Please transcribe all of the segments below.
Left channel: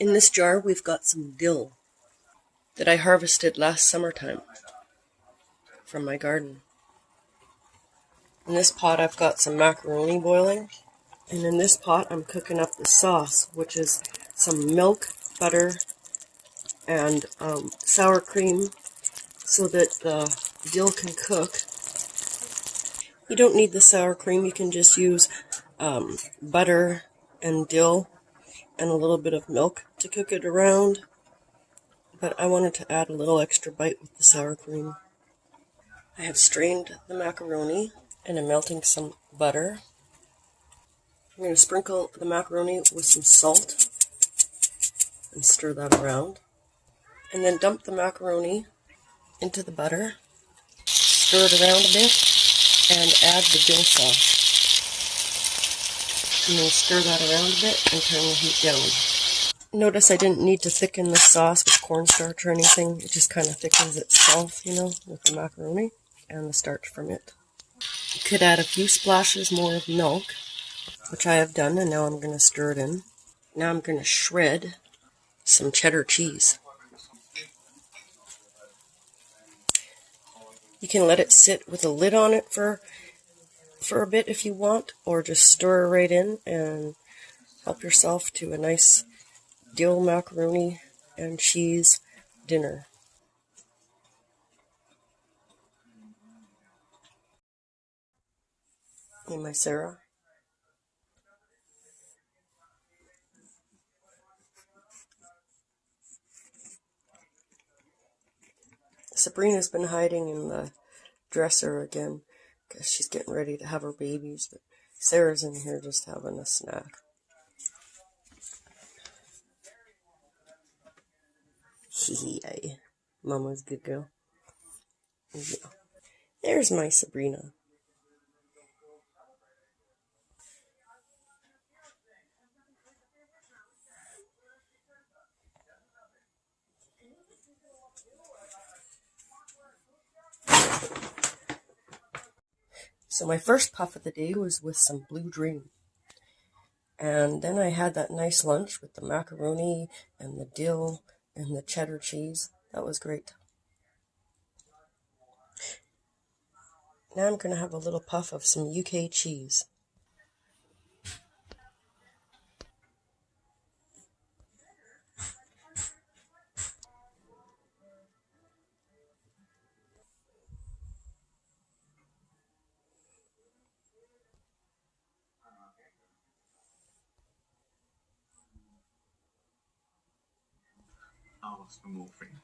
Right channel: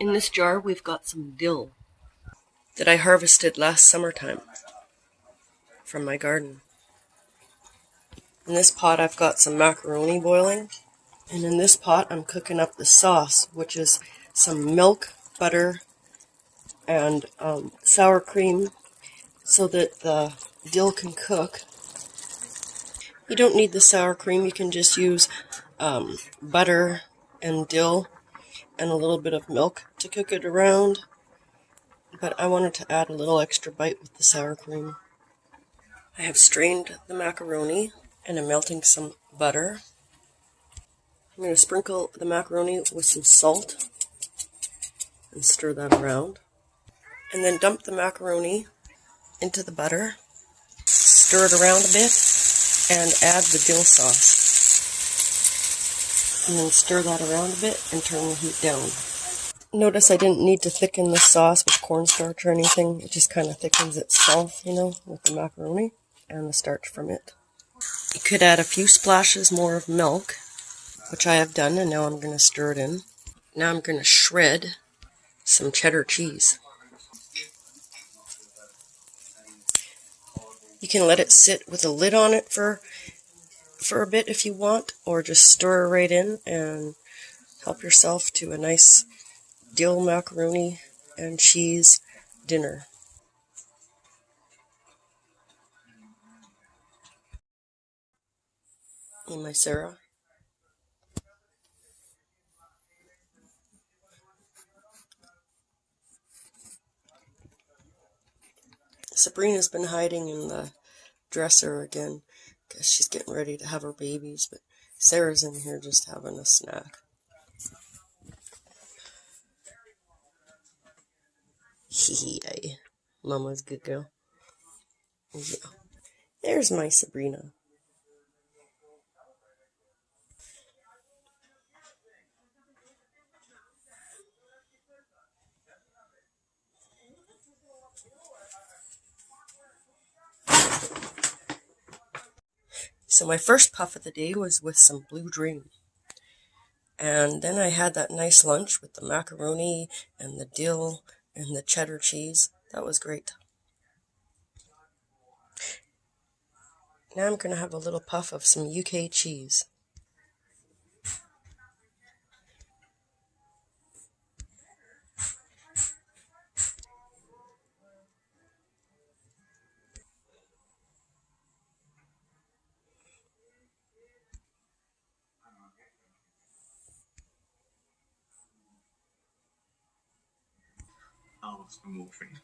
In this jar we've got some dill that I harvested last summertime from my garden. In this pot I've got some macaroni boiling, and in this pot I'm cooking up the sauce, which is some milk, butter, and sour cream so that the dill can cook. You don't need the sour cream, you can just use butter and dill and a little bit of milk to cook it around, but I wanted to add a little extra bite with the sour cream. I have strained the macaroni and I'm melting some butter. I'm going to sprinkle the macaroni with some salt and stir that around, and then dump the macaroni into the butter, stir it around a bit, and add the dill sauce. And then stir that around a bit and turn the heat down. Notice I didn't need to thicken the sauce with cornstarch or anything. It just kind of thickens itself, you know, with the macaroni and the starch from it. You could add a few splashes more of milk, which I have done, and now I'm going to stir it in. Now I'm going to shred some cheddar cheese. You can let it sit with a lid on it for a bit if you want, or just stir it right in and help yourself to a nice dill macaroni and cheese dinner. Hey, my Sarah. Sabrina's been hiding in the dresser again because she's getting ready to have her babies, but Sarah's in here just having a snack. Hee Mama's good girl. Yeah. There's my Sabrina. So my first puff of the day was with some Blue Dream. And then I had that nice lunch with the macaroni and the dill and the cheddar cheese. That was great. Now I'm going to have a little puff of some UK cheese. I'll ask for morphine.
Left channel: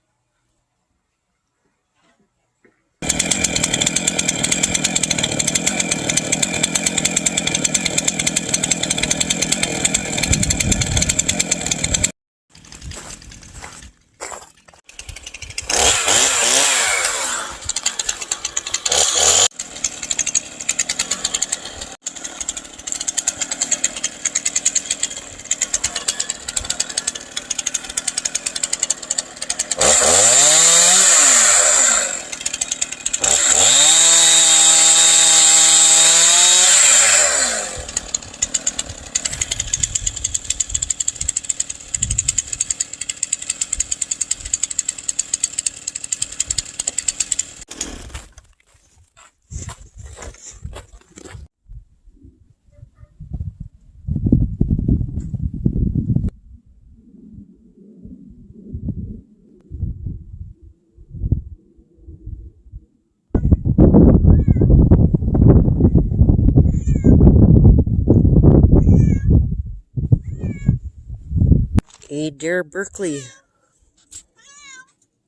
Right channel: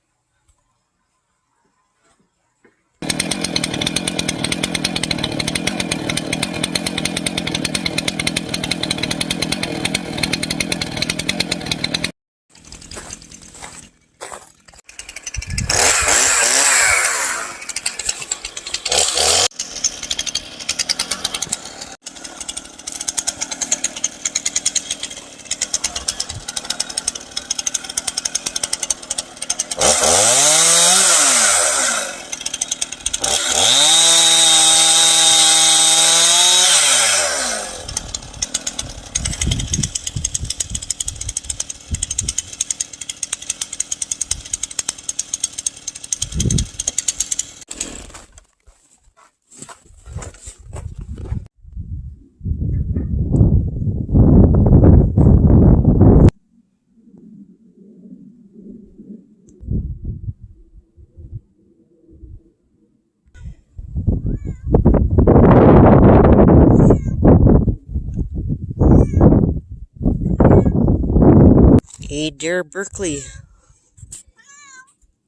Hey, dear Berkeley.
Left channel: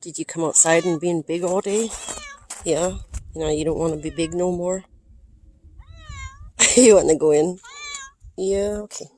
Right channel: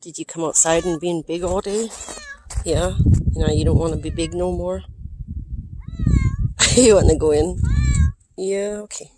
Did you come outside and being big all day? Yeah? Now you don't want to be big no more? You want to go in? Yeah, okay.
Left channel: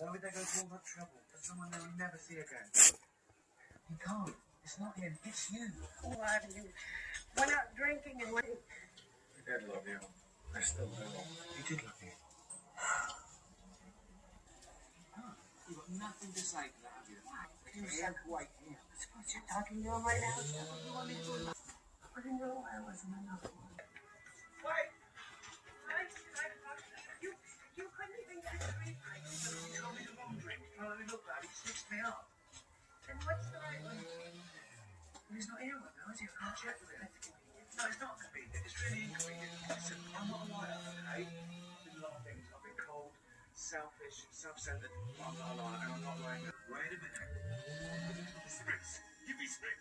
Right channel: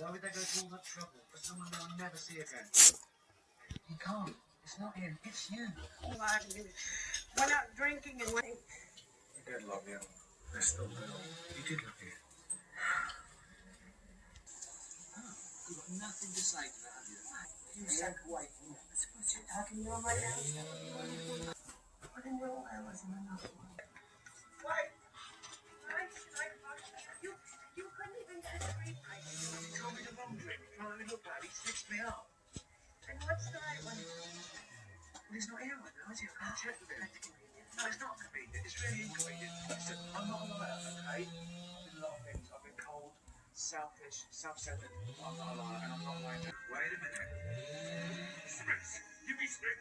Why would they go to all that trouble for someone they will never see again? You can't. It's not him. It's you. All I can do is went out drinking and went. I did love you. I still do. You did love you. You've got nothing to say to that, have you? You said wait here. What you're talking to him right now? I didn't know I wasn't enough. You couldn't even get a drink. He told me the wrong drink. Oh, let me look, Dad. He stitched me up. And what's the right one? He's not here right now, is he? I can't check with him. No, it's not convenient. It's really inconvenient. Listen, I'm not a liar, okay? I've been a lot of things. I've been cold, selfish, self-centered. But I'm not a liar, and I'm not like that. Wait a minute. Smith! Give me Smith!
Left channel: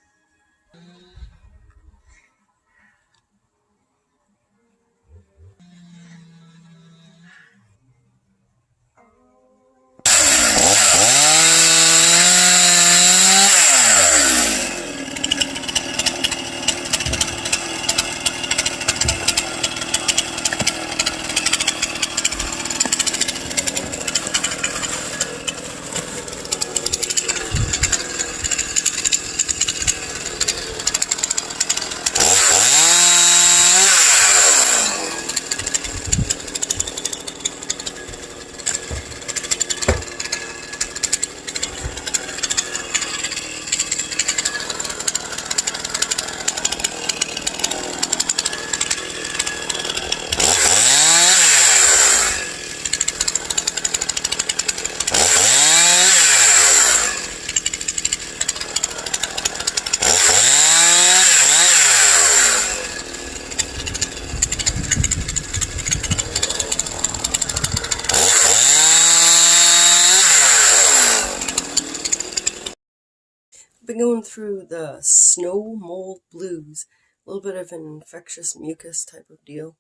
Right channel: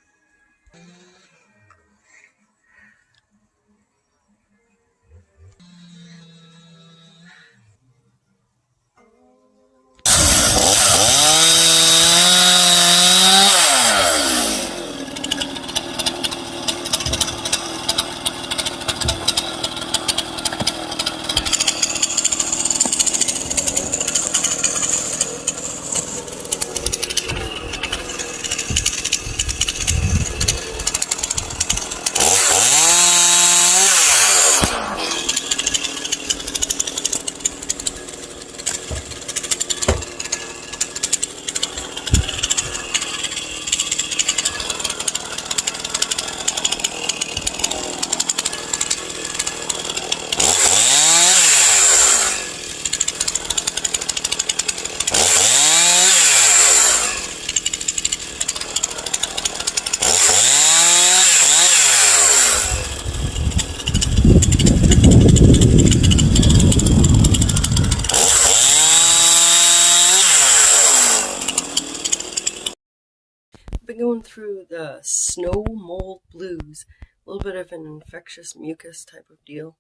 Been going through the snow mold blues, a little bit of an infectious mucus type of deal.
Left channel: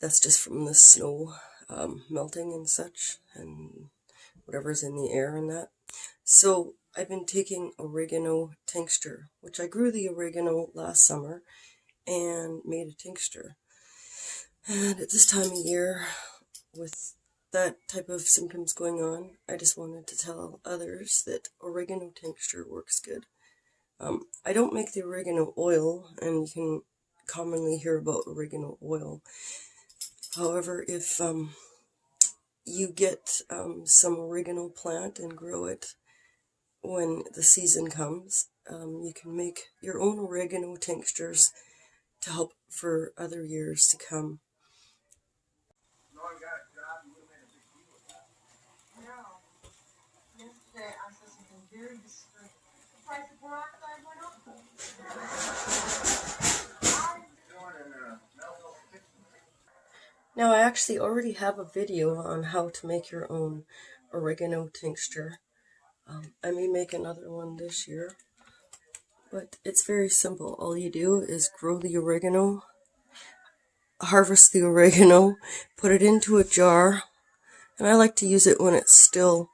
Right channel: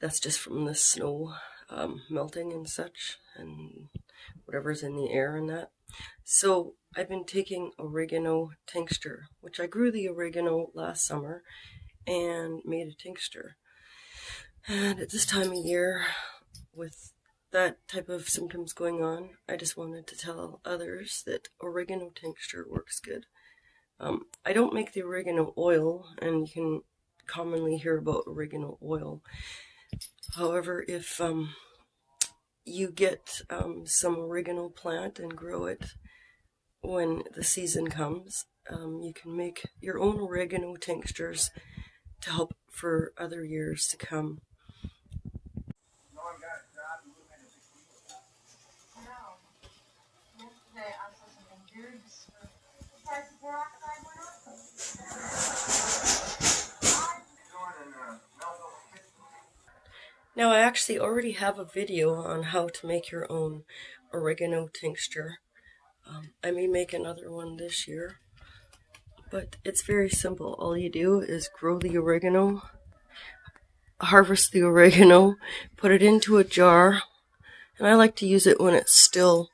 That's just from the snow melting and such, and whatever's in the air and that. So I've been taking oregano tincture, which I grew the oregano last summer and made a tincture. And at this time of year, with that type of symptoms going on, I just wanted to tell others that oregano tincture works good. I don't make the oregano oil, and you can commonly hear about oregano oil. However, if you get some oregano plant and grow it when the season comes, you can make your own oregano tinctures to help for other years to come. Yesterday I saw something very disturbing. The price of peroxide went up. Now I actually already have a video on how to make your own oregano tincture. I may make another one this year, but it's very simple. All you do is grow the oregano, harvest the oregano, put it into a jar, and I like to use it when it's still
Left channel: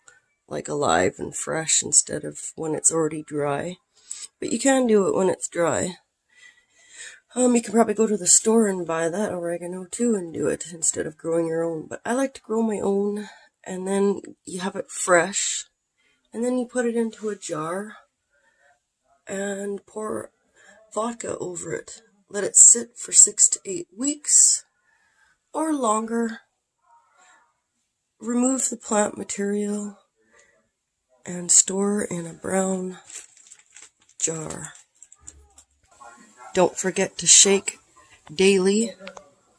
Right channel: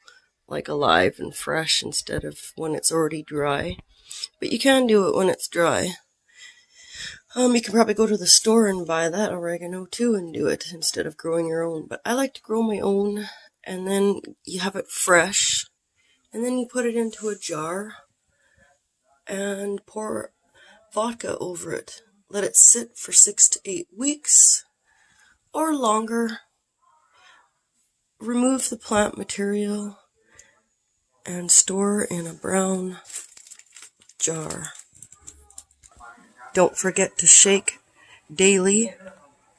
like alive and fresh instead of when it's already dry. But you can do it when it's dry. You can probably go to the store and buy that oregano too and do it instead of growing your own. But I like to grow my own, and then you have it fresh, and then you put it into a jar and pour vodka over it. Let it sit for 6 to 8 weeks or longer. Remove the plant material and store in a brown jar. Don't forget to shake daily,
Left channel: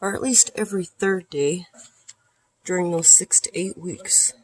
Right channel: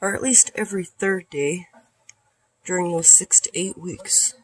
or at least every third day, during those 6 to 8 weeks.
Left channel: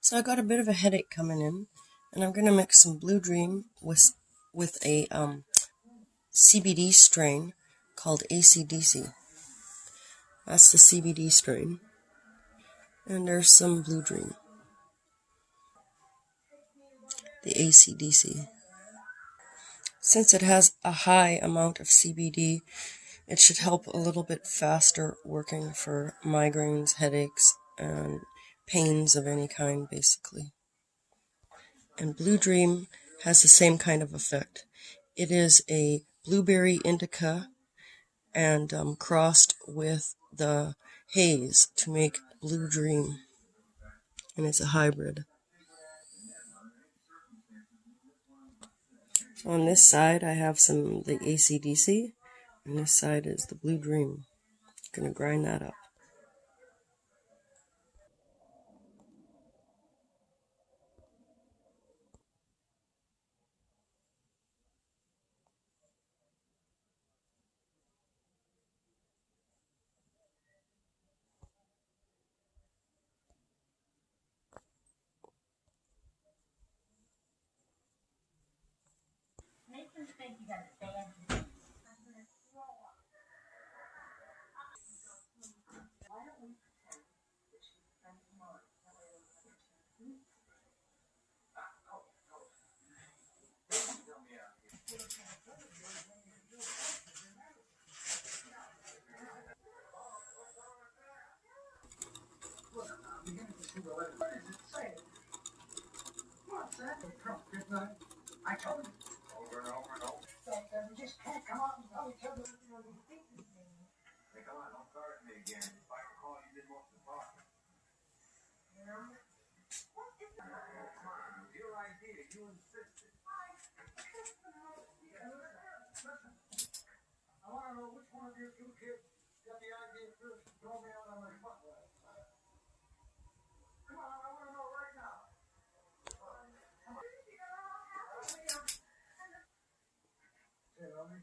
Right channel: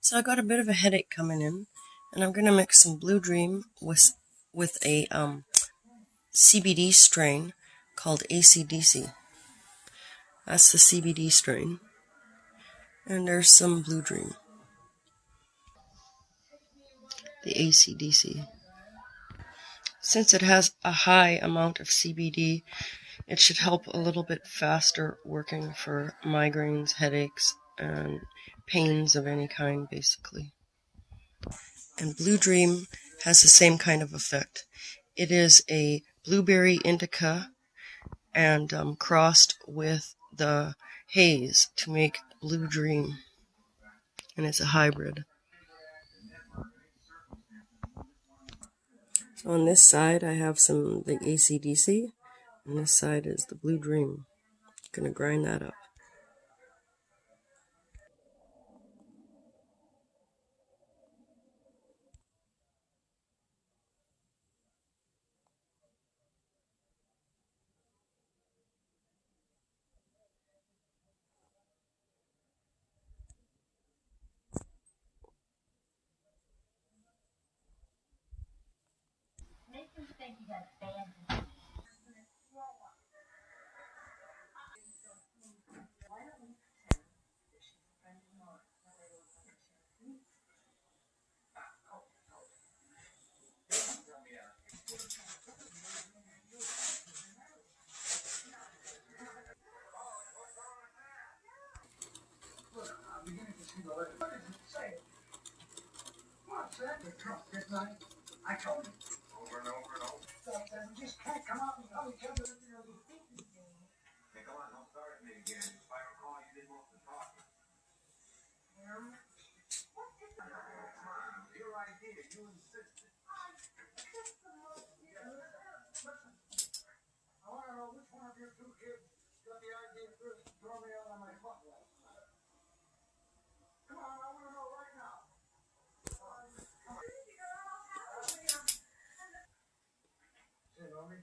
So I got a bit of a headache coming in, and I'm going to mix some Blue Dream with a CBD strain called ACDC. That's the CBD strain. And there's some Blue Dream, the ACDC. Since it has a high amount of CBD, it should help a little bit faster working for migraines, headaches, and pains of any kind, basically. And Blue Dream has the same kind of effect. It is a blueberry indica and crossed with the haze to make Blue Dream. And it's a hybrid. So on this side I have some the ACDC, and this side is the Blue Dream. I'm gonna grind that up. I told you. Over and over and over. That we just can't come out and tell each other. Hey, come on, don't start at me again. If I recall, you didn't want to talk. Your idea, you insisted. Listen, I want to know which one of you two kids got the idea first to throw me out on my butt last night. Come on, I want to know right now. Say, Romy.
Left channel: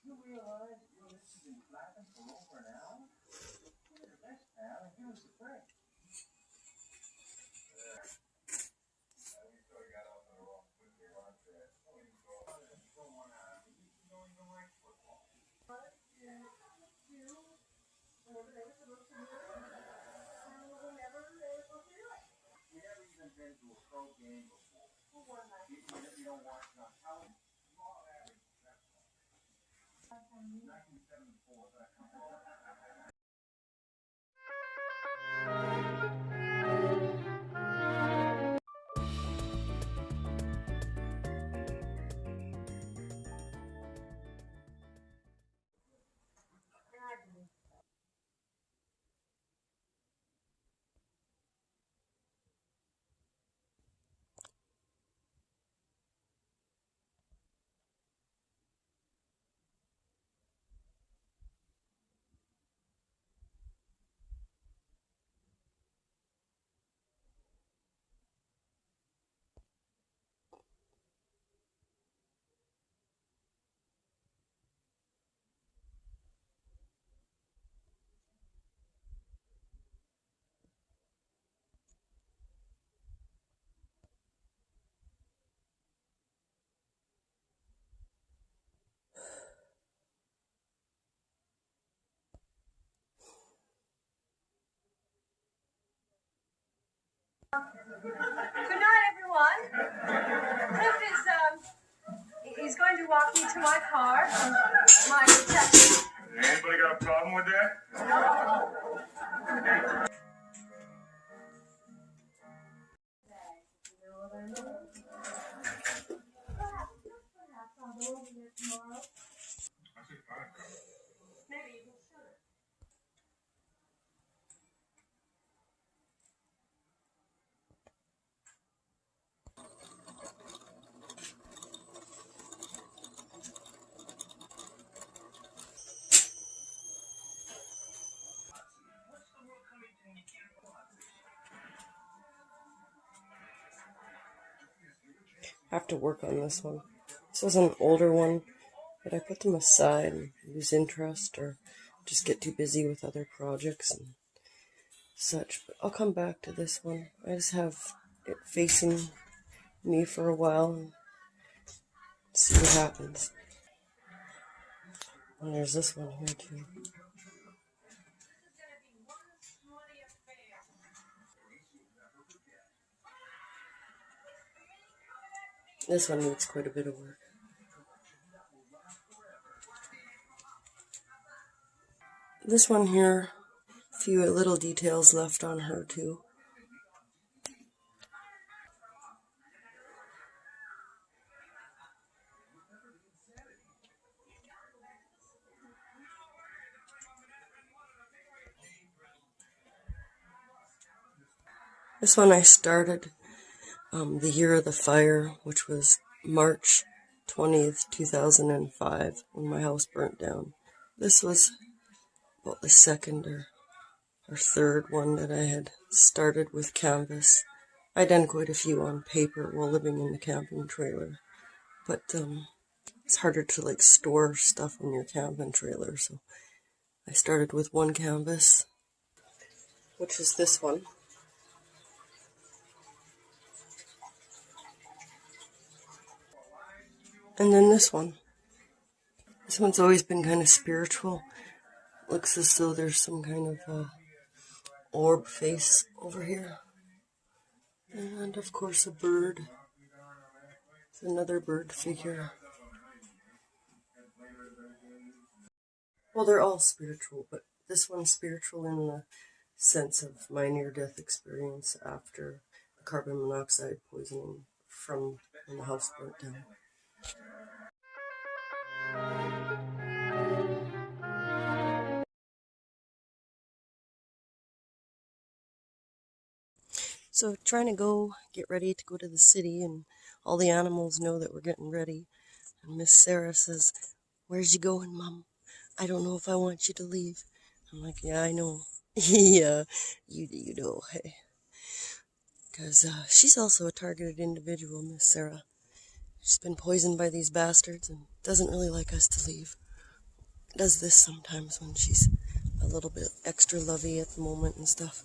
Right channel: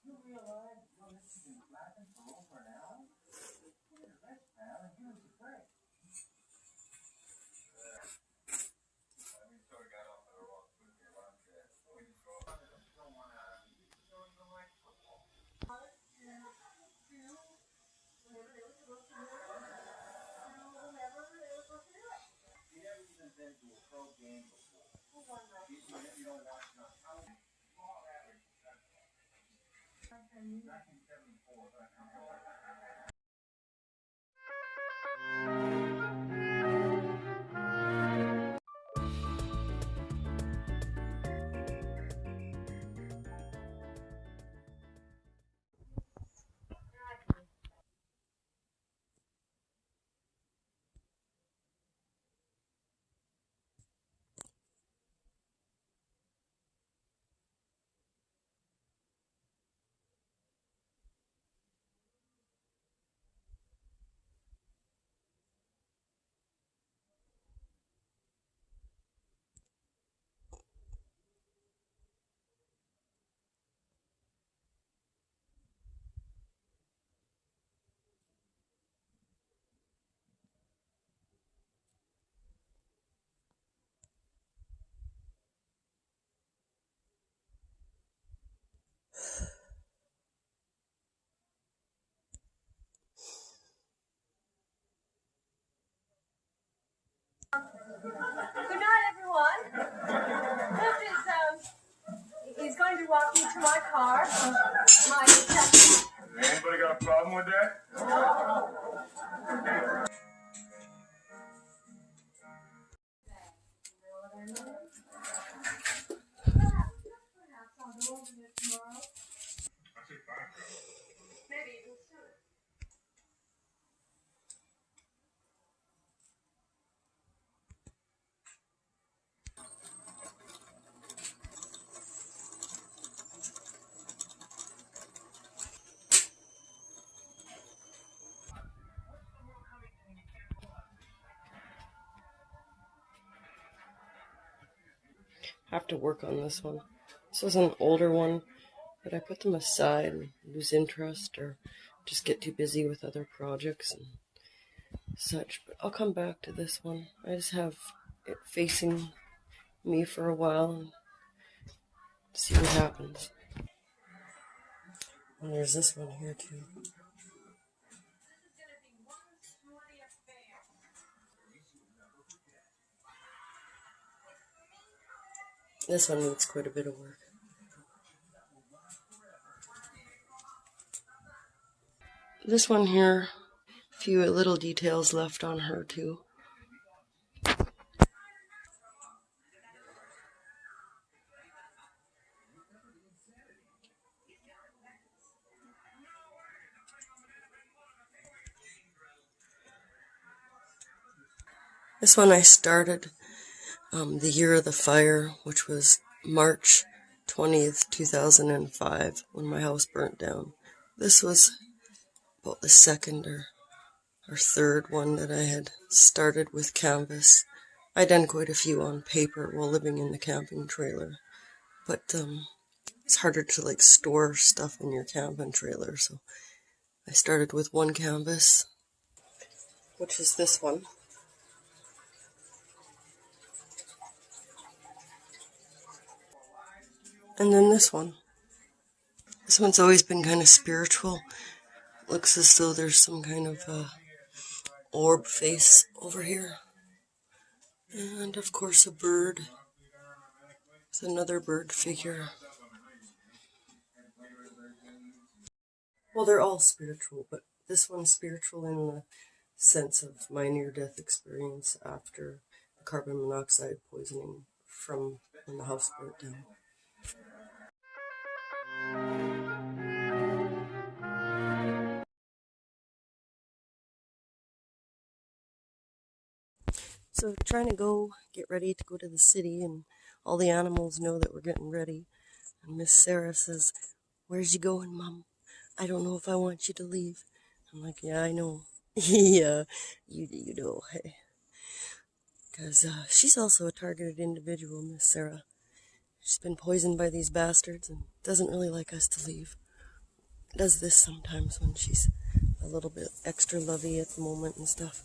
You realize your lips have been flapping for over an hour? Here's this, pal, and here's the thing. We sort of got off on the wrong foot there, huh? Don't want to. You don't even like football. You never even been to a pro game before. You don't watch enough. How many? Small average. 1974, but walk me to my car? My Justyn. Anybody got a problem with that? Perhaps I'll go over there tomorrow. Maybe even sooner. I have to work on this one. This is an older one, but I put them aside and lose interest or just get too busy with other projects and such. But I'll come back to this one. I just have it facing me for a while and see what happens. And there's this one here too. This one needs quite a bit of work. This one here, a few little details left on her too. This one I started the year of the fire, which was March 20th, 2005, when my house burnt down. This was about the second or third one that I had started with canvas. I'd done quite a few on paper while living in the camping trailer, but it's harder to store stuff in your camping trailer, so I started with one canvas, which is this one. And then this one. This one's always been kind of spiritual. It looks as though there's some kind of orb face over here. And of course a bird. It's another bird figure. Well, they're all spiritual, but this one's spiritual in the sense of my near-death experience after the carbon monoxide poisoning from when the house burnt down. So trying to get ready to go to the city, and all the animals know that we're getting ready. And Miss Sarah says, "Where's you going, Mom? I don't know if I want you to leave." I'm like, "Yeah, I know." Yeah, you know, hey. Because she's also a targeted individual, Miss Sarah. She's been poisoned by these bastards and doesn't really like us to leave. Does this sometimes when she's a little bit extra lovey at the moment and stuff.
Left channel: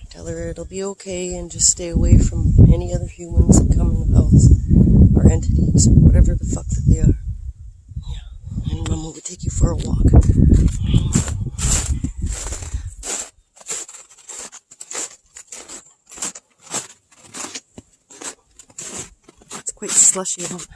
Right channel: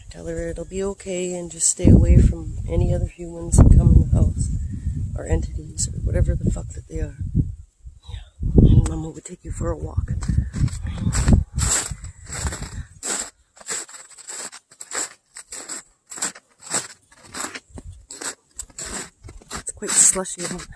I tell her it'll be okay and just stay away from any other humans that come in the house, or entities, or whatever the fuck that they are. Yeah, and Mama would take you for a walk. It's quite slushy out.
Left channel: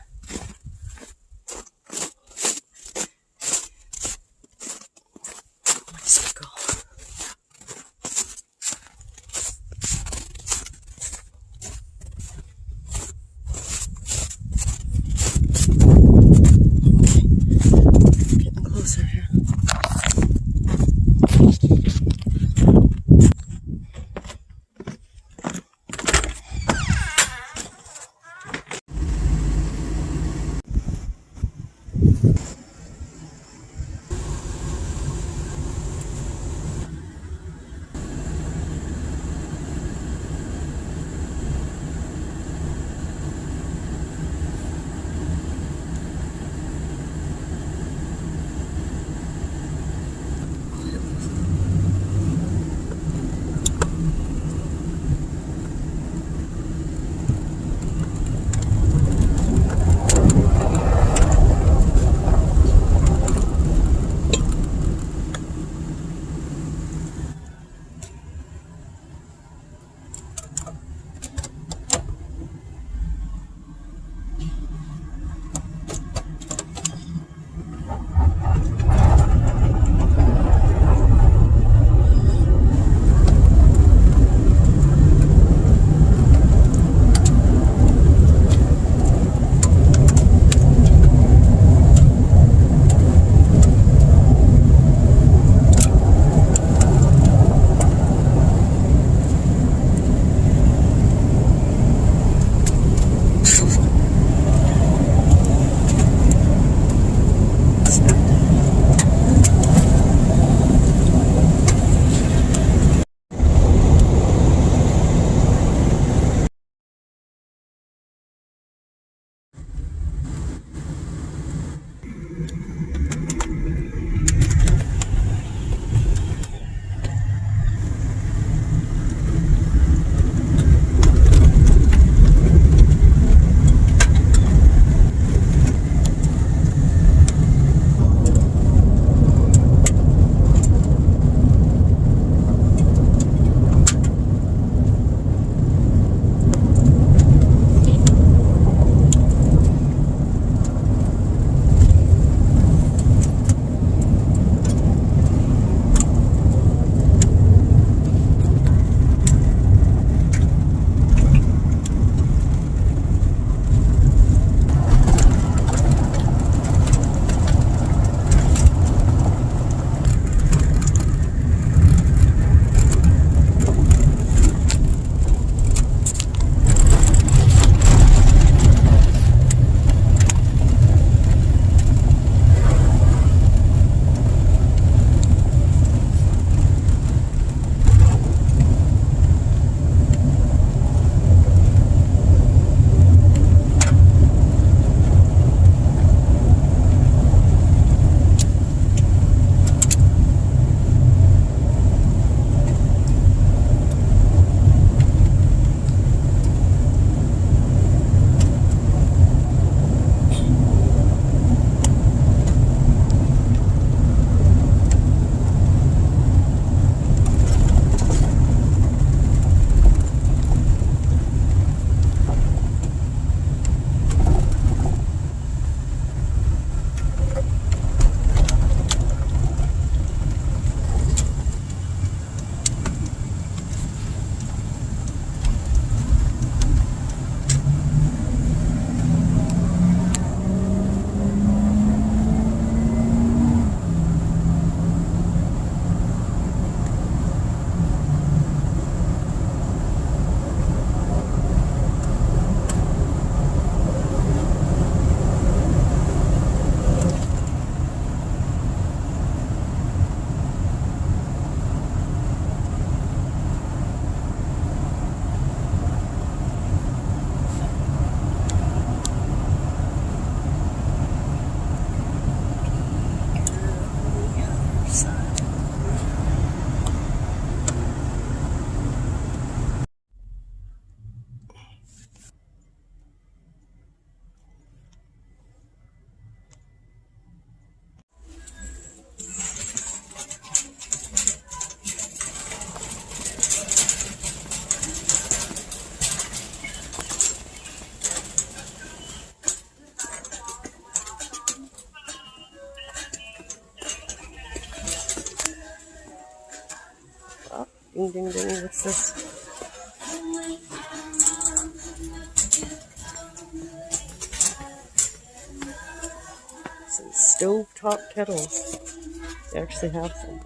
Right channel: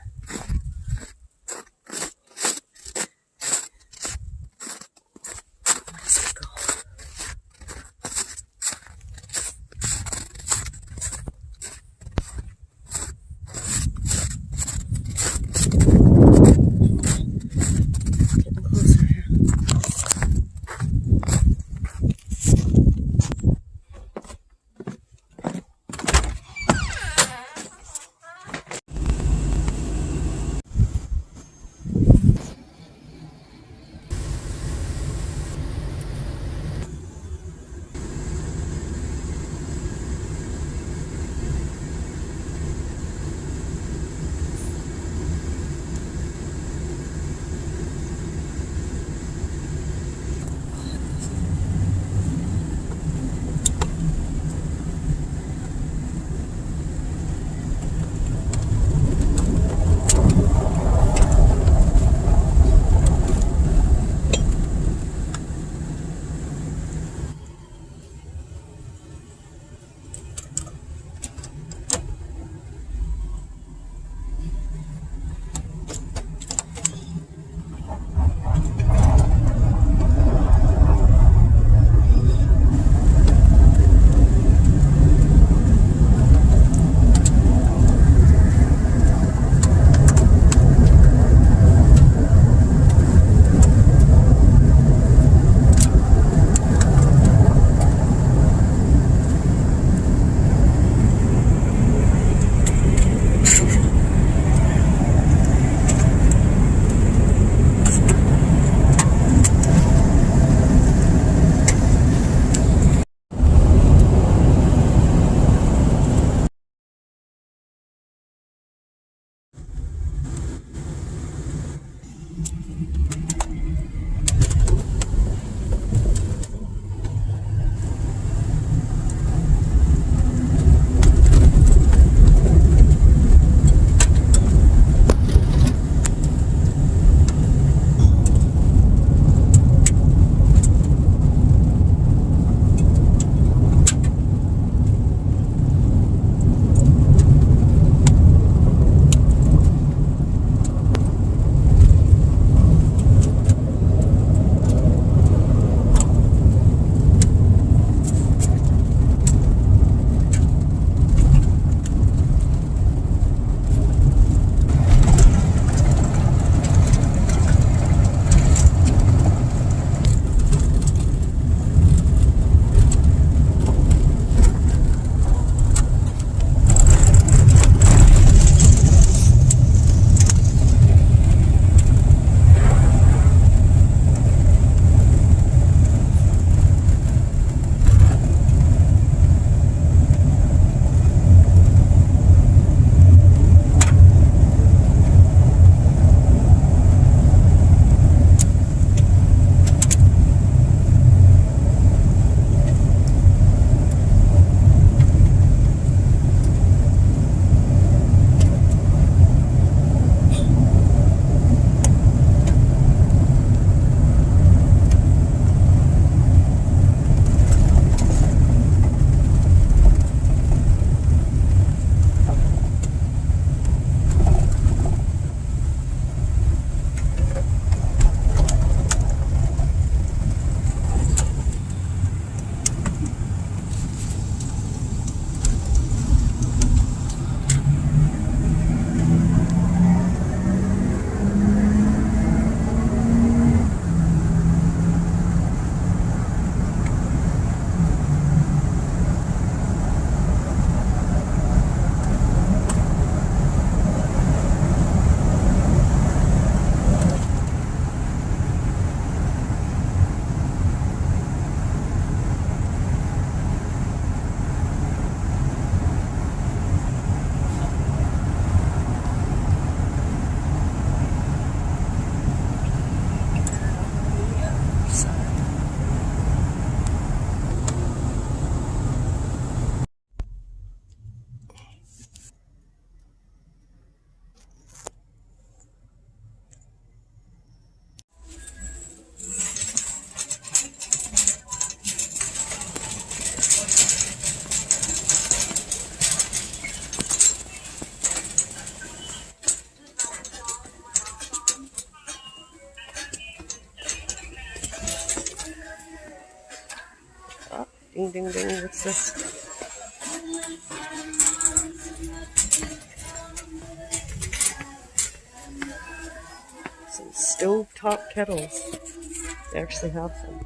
Ding, ding, ding. What's this? Some stovetop kettles. They actually have some.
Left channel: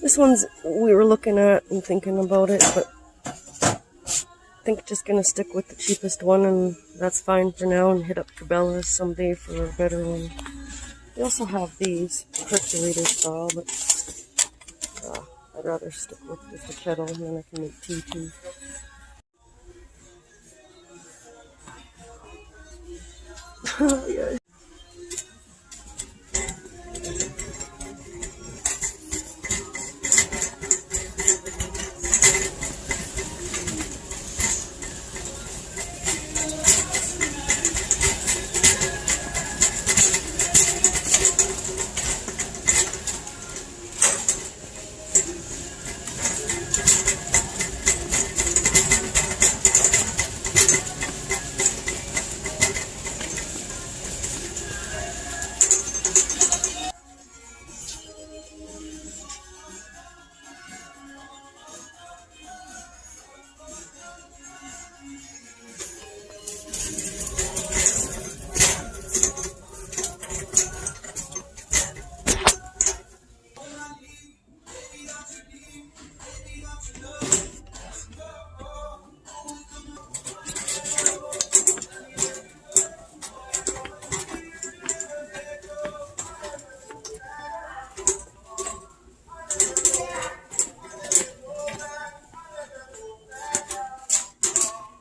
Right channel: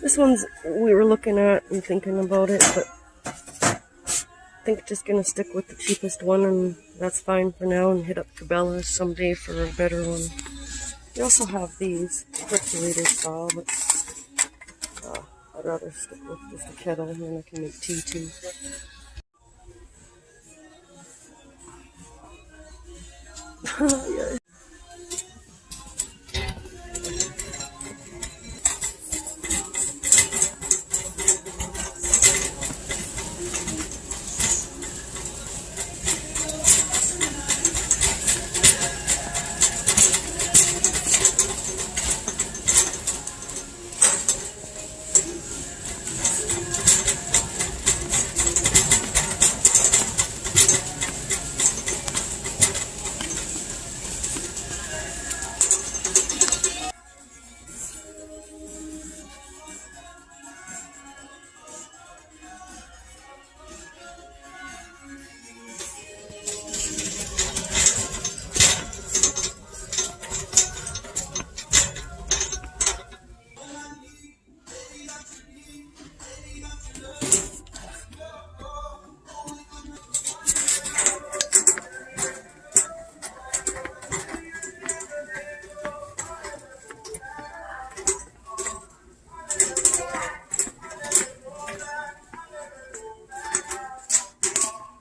This one's we were looking at and thinking about it, but I think just gonna stick with the cheapest one, and that's fine for now, and hit up Cabela's someday for a better one. We also have these percolator style, but I'd rather stick with just a kettle, and then I can make tea too. Yeah.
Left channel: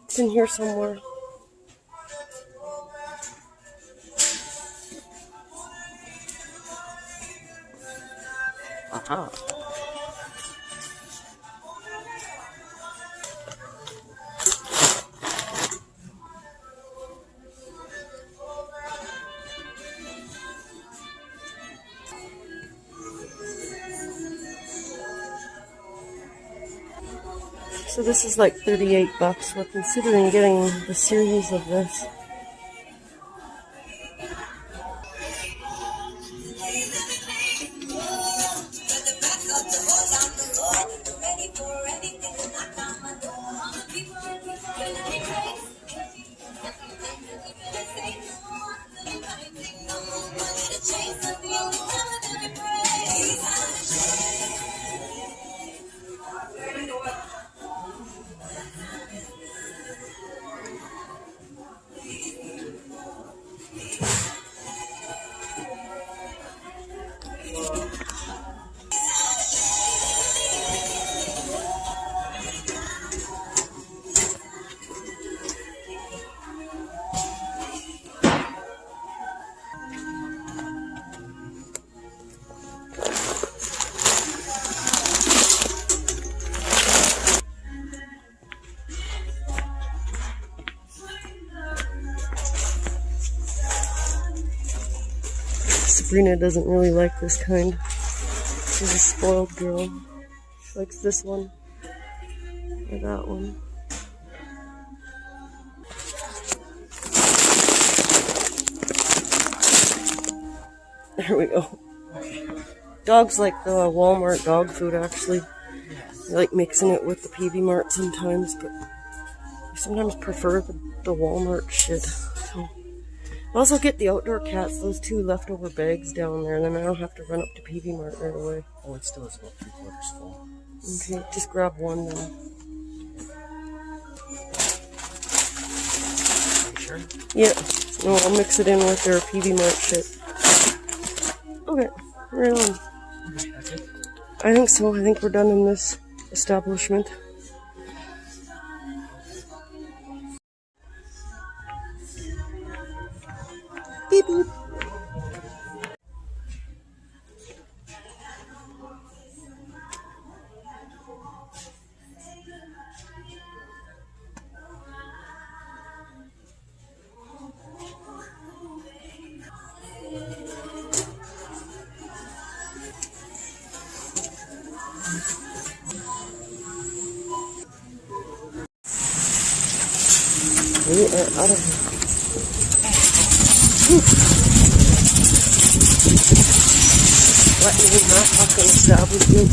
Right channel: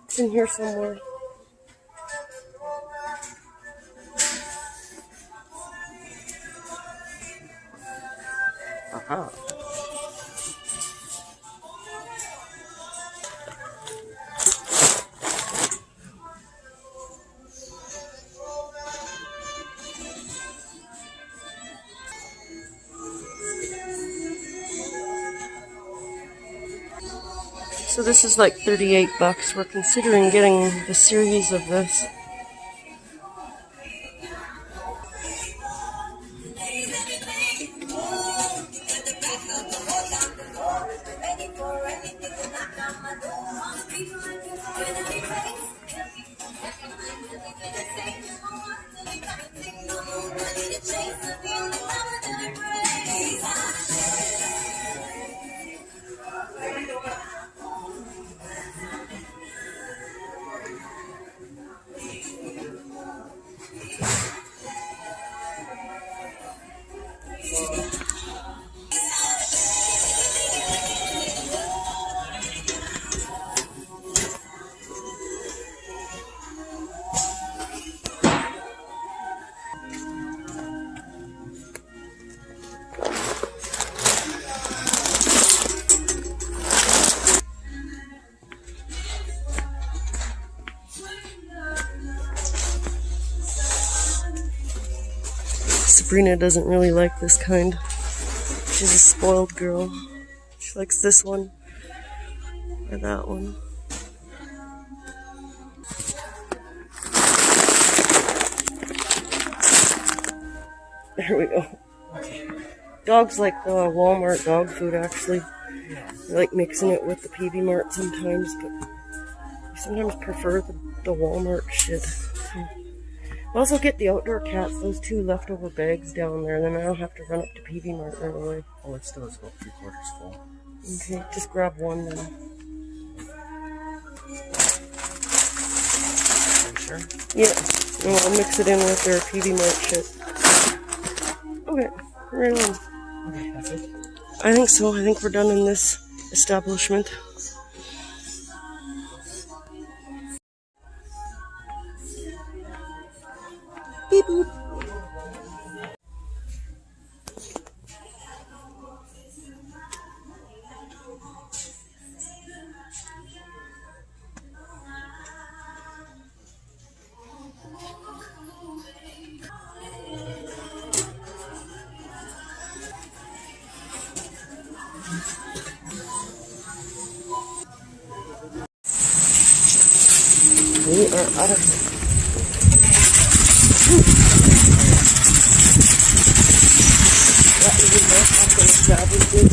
It's in here somewhere. Aha. So this is like $38. We're considering getting the series of this. Sabrina doesn't really like this kind. She's a spoiled girl. She likes this one or that one. There we go. Dogs like the Walmart dog food, actually. I like mixing it with the PV Mart sometimes, but I sometimes prefer the Walmart shit. I'll also get the outdoor cats, those 2 leftover bags down there, then I don't have to run up to PV Mart right away. Oh, it still is about 3/4 full. Okay, just grab one then. Are you sure? Yeah, no, I'll mix it in with their PV Mart shit. Okay, right on. Okay, that's it. I think so. I think we're done in this establishment. Beep boop. We are out of here. What is not fucking stop with you?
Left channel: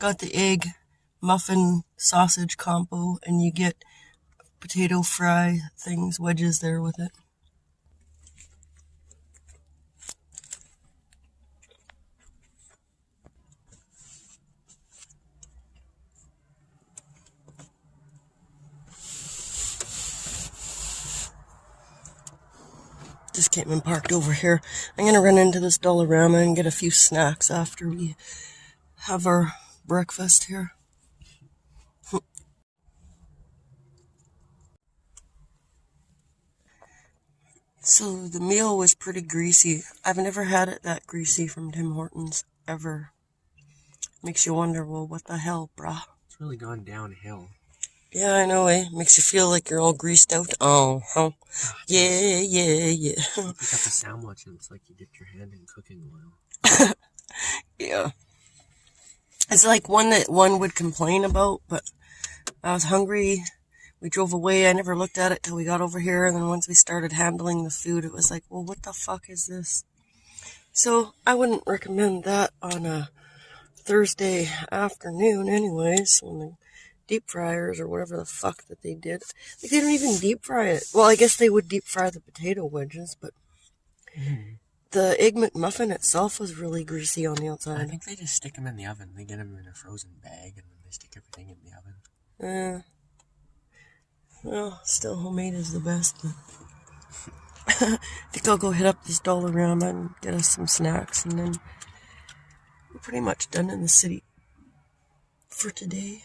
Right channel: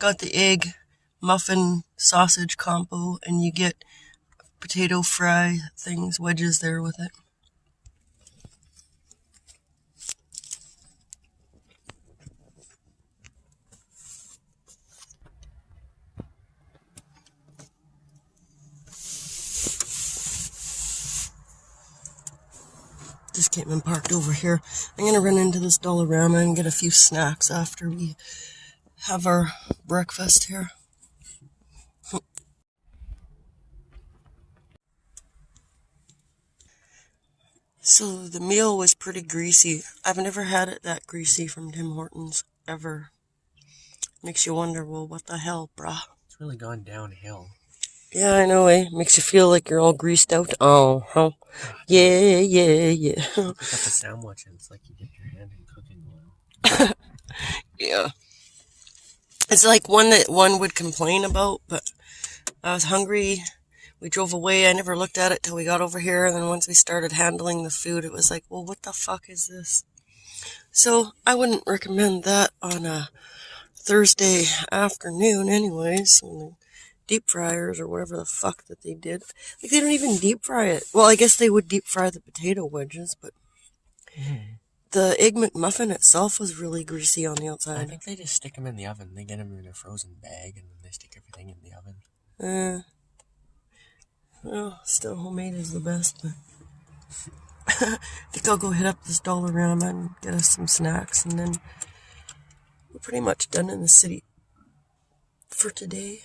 Got the egg muffin sausage combo, and you get potato fry things, wedges there with it. Just came and parked over here. I'm gonna run into this Dollarama and get a few snacks after we have our breakfast here. So the meal was pretty greasy. I've never had it that greasy from Tim Hortons, ever. Makes you wonder, well, what the hell, brah? It's really gone downhill. Yeah, I know, eh? Makes you feel like you're all greased out. Oh, huh? Yeah. You pick up a sandwich and it's like you dipped your hand in cooking oil. Yeah. It's like one that one would complain about, but I was hungry. We drove away. I never looked at it till we got over here. And then once we started handling the food, it was like, well, what the fuck is this? So I wouldn't recommend that on a Thursday afternoon anyways, when the deep fryers or whatever the fuck that they did. Like, they don't even deep fry it. Well, I guess they would deep fry the potato wedges, but the Egg McMuffin itself was really greasy on the I outside. think they just stick them in the oven. They get them in a frozen bag and then they stick everything in the oven. Well, still homemade is the best, but I think I'll go hit up this Dollarama and get us some snacks, and then we're pretty much done in the city for today.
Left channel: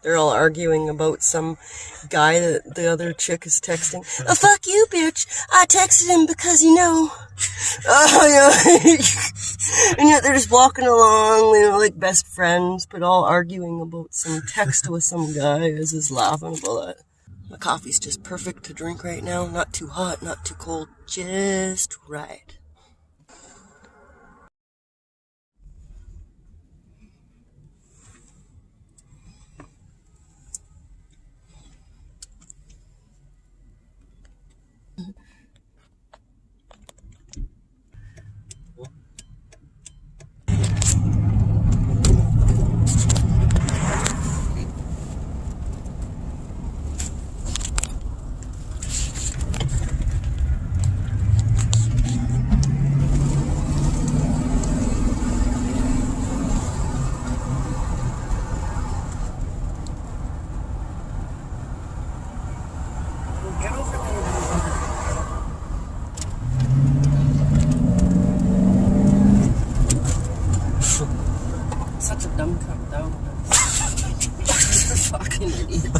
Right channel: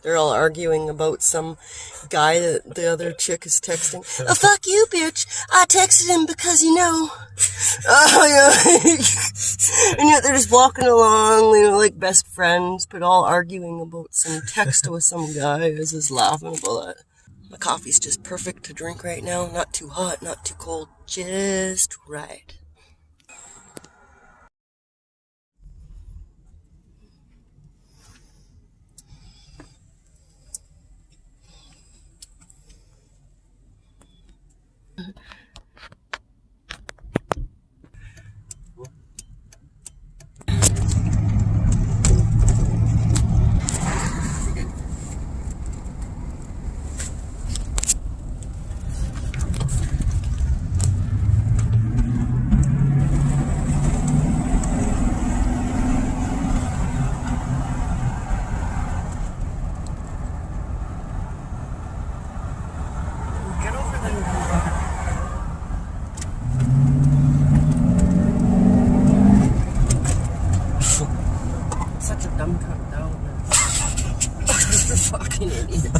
They're all arguing about some guy that the other chick is texting. Oh, fuck you, bitch. I texted him because, you know. Oh, yeah. And yet they're just walking along, you know, like best friends, but all arguing about some text with some guy who's just laughing about that. My coffee's just perfect to drink right now. Not too hot, not too cold. Just right. Get over there. Such a dumb cunt, though. Fucking idiot.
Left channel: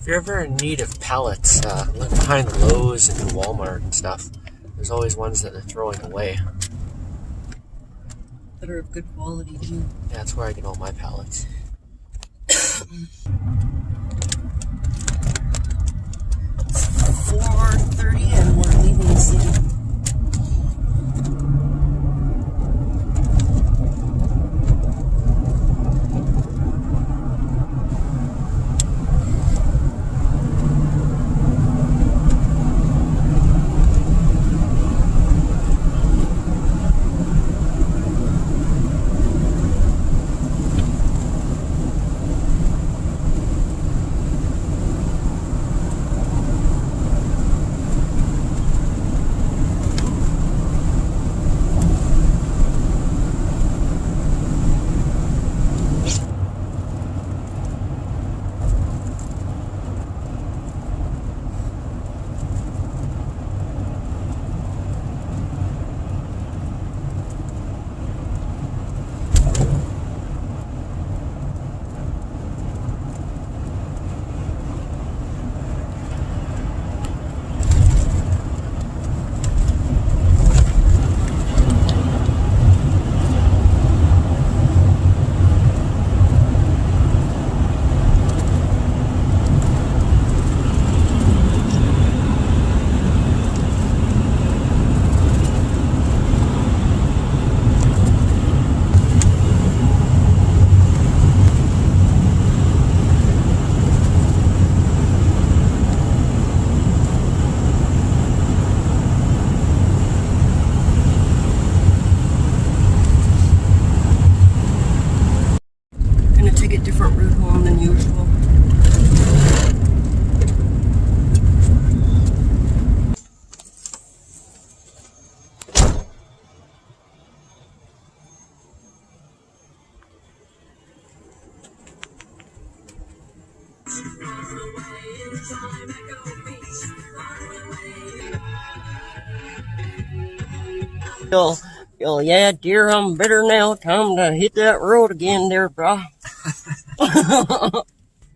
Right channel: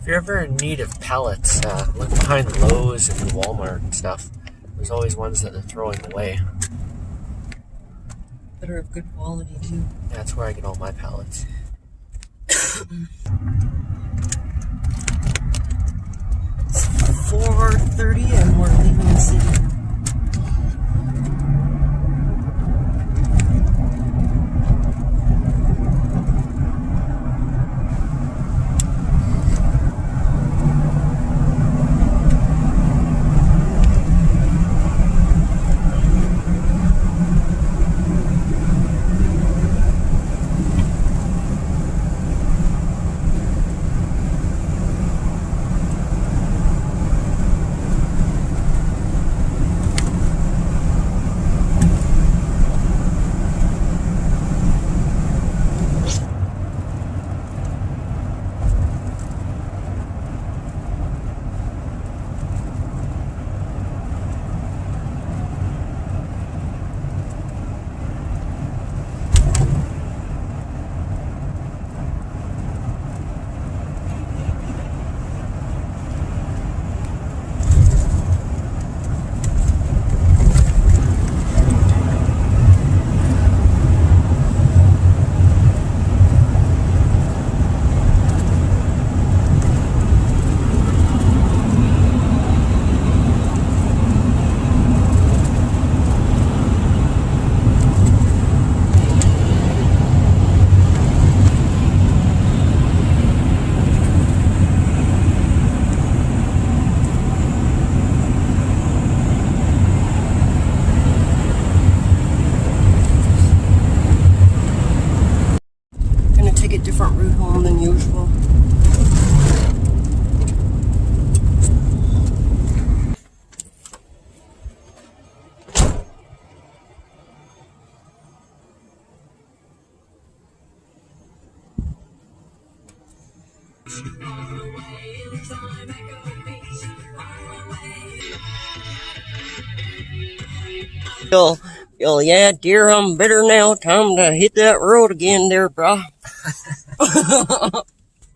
If you're ever in need of pallets, look behind Lowe's and Walmart and stuff. There's always ones that they're throwing away. That are of good quality, too. Yeah, that's where I get all my pallets. It's 4:30 and we're leaving the city. Yeah, dear, I'm better now. Time to hit that road again there, brah.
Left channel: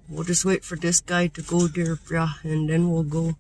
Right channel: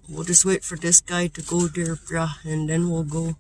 We'll just wait for this guy to go there, brah, and then we'll go.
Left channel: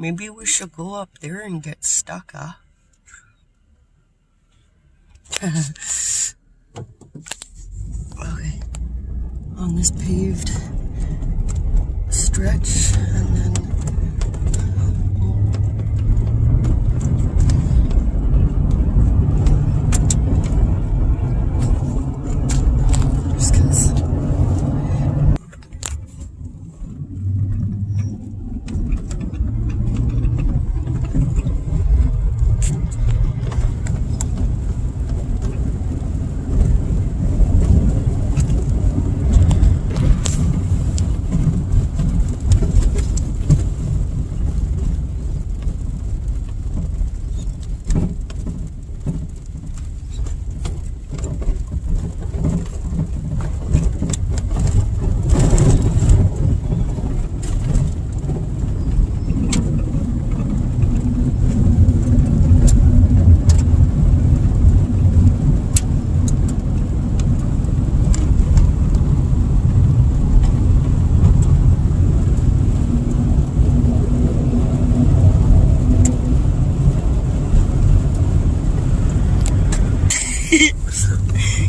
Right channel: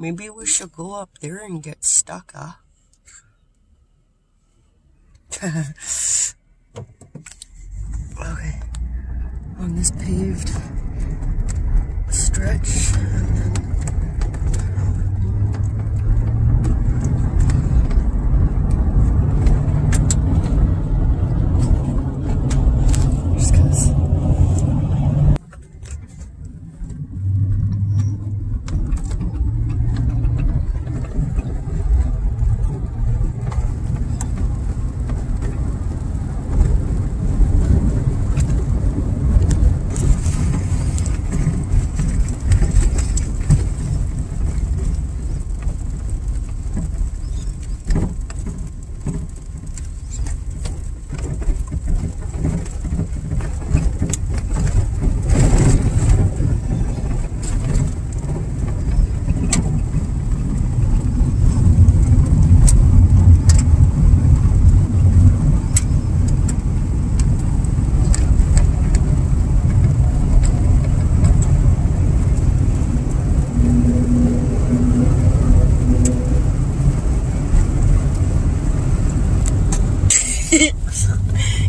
Maybe we should go up there and get stuck, huh? Okay. On this paved stretch, and then just 'cause.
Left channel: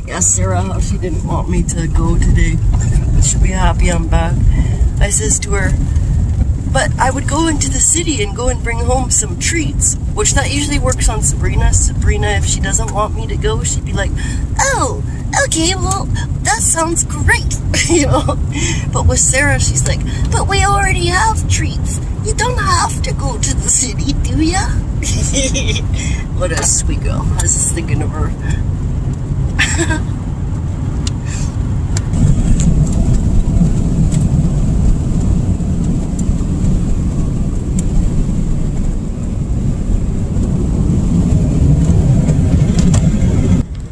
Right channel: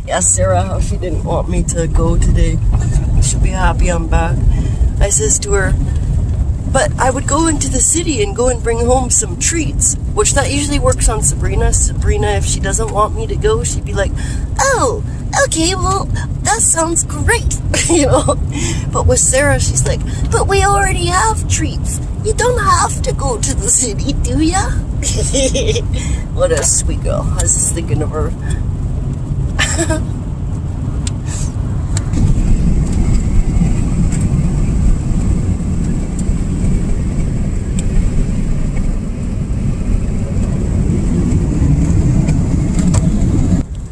Asked Sarah how she didn't want me to go today. She'll be happy I'm back. I says to her, but I would go into the city and go and bring home some treats, which that usually works on Sabrina. Sabrina, if she doesn't want me to go, she'd be like, oh, okay, well, that sounds great, you know. But with Sarah, she's like, but we already have treats. You don't have to go to the city, do ya? What a sweet girl. I was just thinking of her.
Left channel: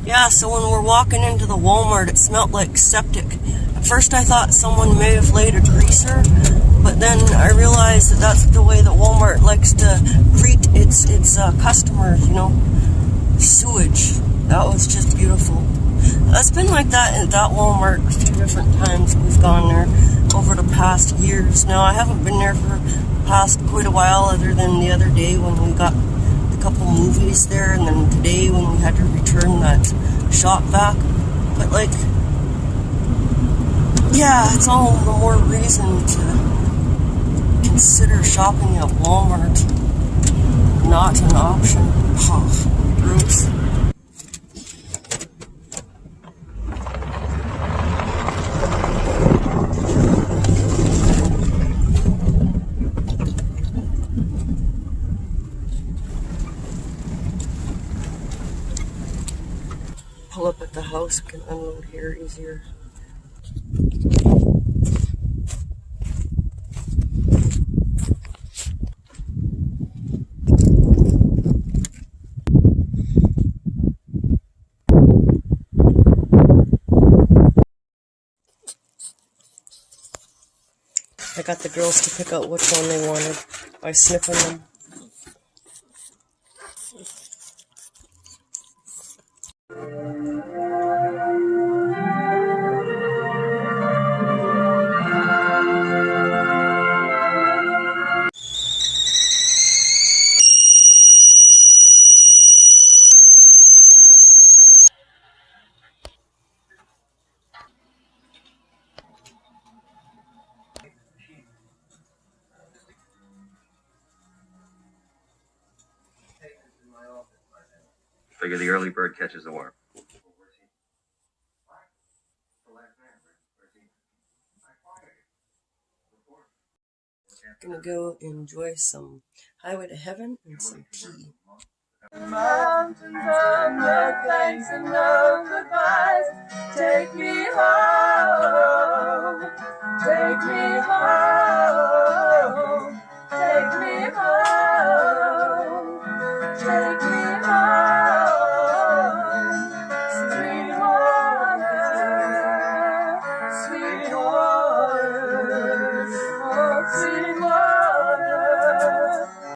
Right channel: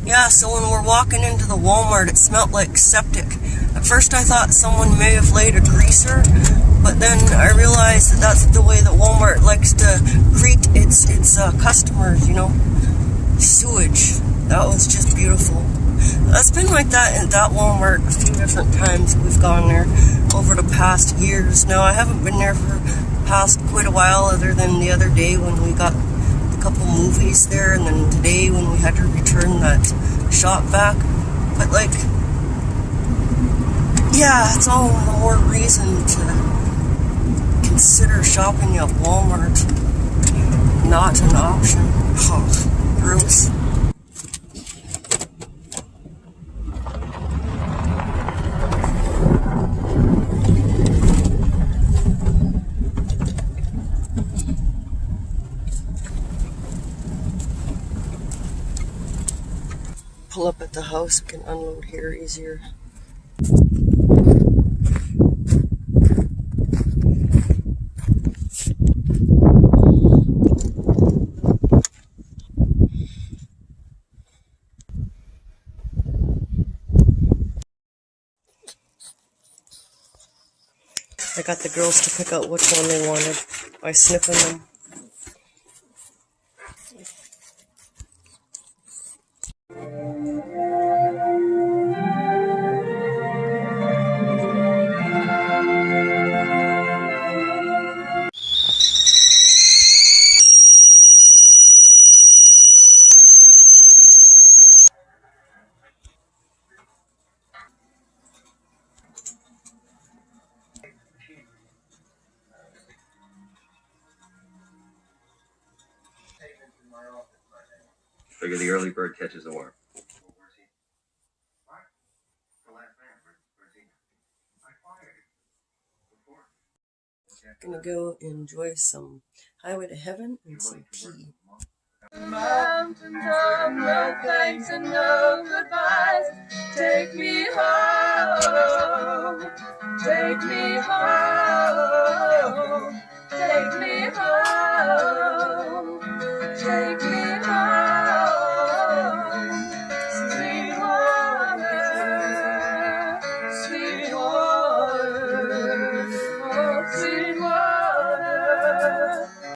Yeah, so when we're walking into the Walmart, it smelled like septic. At first I thought someone may have laid a greaser, but then I realized that that's the way that Walmart likes to greet its customers, you know. Sewage. That was just beautiful. It's been like that at that Walmart a few different times. We've gone there over the past years. Now, I haven't been there for the past quite a while, other than the other day when we got a couple movies there, and then today when we had to return that shop back. But, like, yeah, it's all the more reason to consider shopping at Walmart not an option. Oh, gross. pull up at the house, we can unload here easier. I got the girls to pick out which one they wanted by sniffing them. Figure the early bird catches the worm. Gonna go enjoy some Highway to Heaven and some tea. Mountains of no thanks and no goodbyes. Take me home. Take me home. Take me home.